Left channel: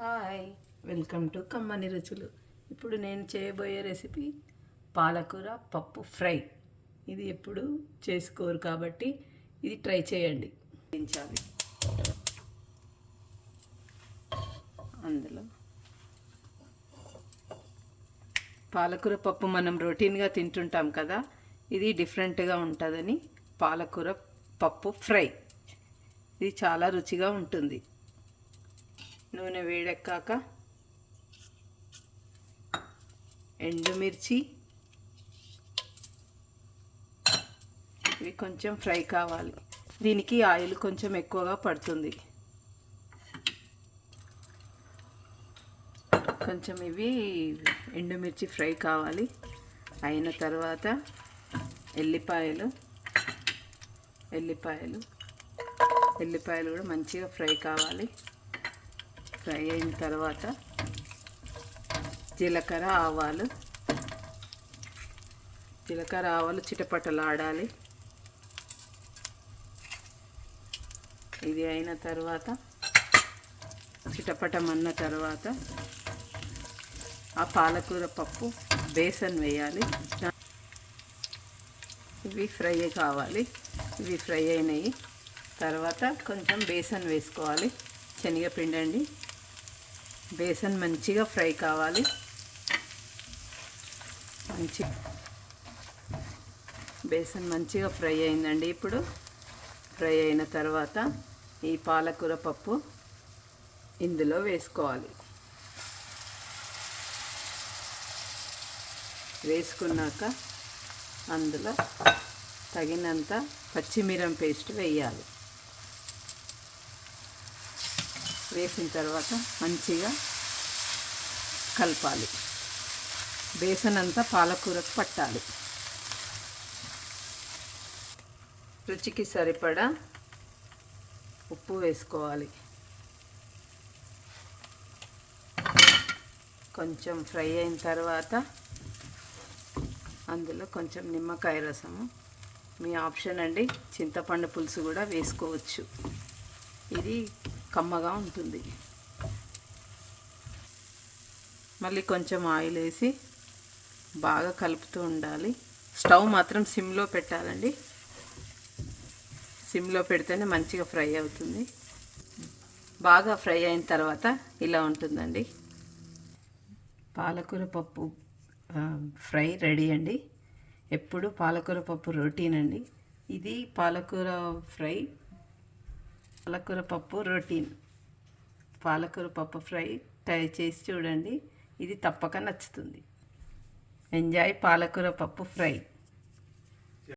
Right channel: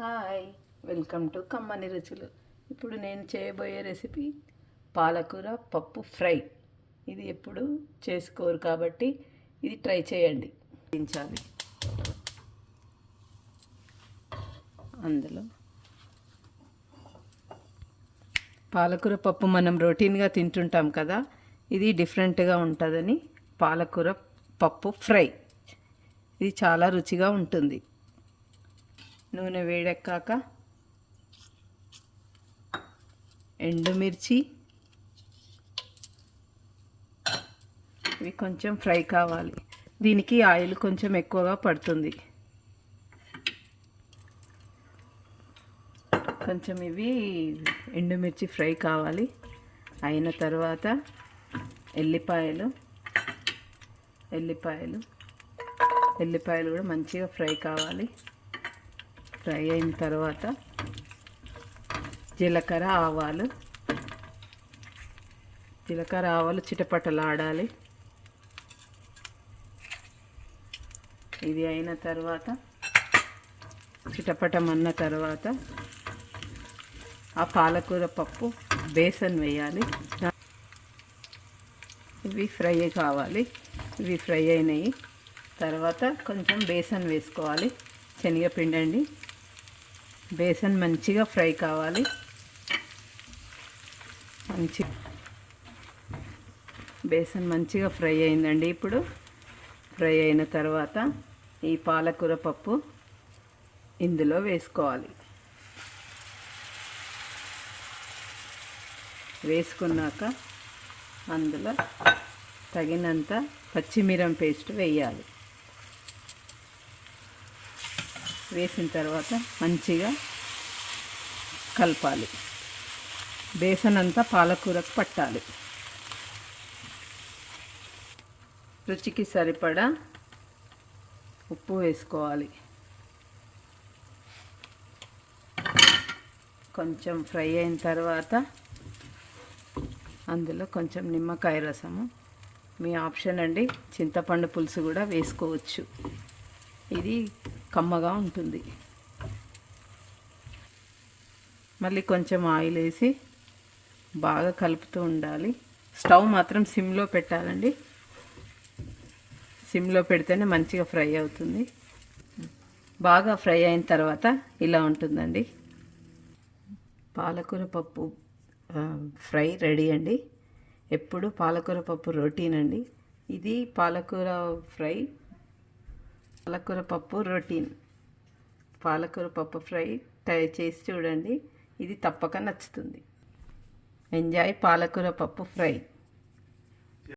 Hi, welcome to కమ్మని రుచులు. ఇప్పుడు నేను చేయబోయే రెసిపీ పాలకూర పప్పు ఫ్రై. ఇది ఎప్పుడు చేసుకోరు కాబట్టి ఇది ట్రై చేయండి. దించాలి. అందులో పాలకూర పప్పు మనం రొటీన్గా తింటుంటాం కదా, ఇది డిఫరెంట్గా ఉంటుందని పాలకూర పప్పు ఫ్రై. ఇది చాలా రుచిగా ఉంటుంది. నూనె వేడెక్కాక ఎండుమిర్చి ఇవి కొంచెం ఫ్రై కావాలి. దీనికి ఆయిల్ కొంచెం ఎక్కువగా పడుతుంది. కొంచెం ఇవి ఎండుమిర్చి ఫ్రై కావాలి. అయిన తర్వాత ఎల్లిపాయలు కూడా మంచిగా ఫ్రై కావాలి. ఫ్రై అయిన తర్వాత జీలకర్ర ఆవాలు చిటపటలాడాలి. ఇది అయిన తర్వాత చిటపటమన్న తర్వాత ఆ పాలకూర పప్పు బేసన్ వేయాలి. ఇవి ఫ్రై కావాలి. ఇవి ఫ్రై అయినాయి తర్వాత కొంచెం బేసన్ వేసుకోవాలి. శనగపిండి అండి. బేసన్ మంచిగా ఫ్రై కావాలి. బేసన్ మంచిగా ఫ్రై అయిందండి. ఇప్పుడు ఫ్రై అయిన తర్వాత ఈ పాలకూర పప్పు ఇందులో వేసుకోవాలి. వేసుకున్నాక అందులో తగినంత పచ్చిమిరం పేస్ట్ వేయాలి. వేసిన తర్వాత మంచిగా కలపాలి. బేసన్ అంతా పాలకూరకు పట్టాలి. రుచికి సరిపడా ఉప్పు వేసుకోవాలి. కొంచెం ఫ్రై అయిన తర్వాత అందులో కొంచెం నిమ్మకాయ రసము, మీ ఆప్షన్ అండి, చింతపండు పులుసు కూడా వేసుకోవచ్చు. ఇది కమ్మగా ఉంటుంది. మళ్ళీ కొంచెం ఆయిల్ వేసి బాగా కలుపుతూ ఉండాలి. స్టవ్ మాత్రం సిమ్లో పెట్టాలండి. సిమ్లో పెడితేనే మంచిగా ఫ్రై అవుతుంది. బాగా ఫ్రై అయిన తర్వాత ఇలా ఉంటుందండి. పాలకూర పప్పు ఫ్రై రెడీ అండి. ఎప్పుడు పాలకూర పప్పు రొటీన్ అండి. ఇది పాలకూర ఫ్రై, పాలకూర పప్పు రొటీన్. పాలకూర పప్పు ఫ్రై ట్రై చేసి చూడండి. ఇది తప్పక నచ్చుతుంది. ఎంజాయ్ పాలకూర పప్పు ఫ్రై.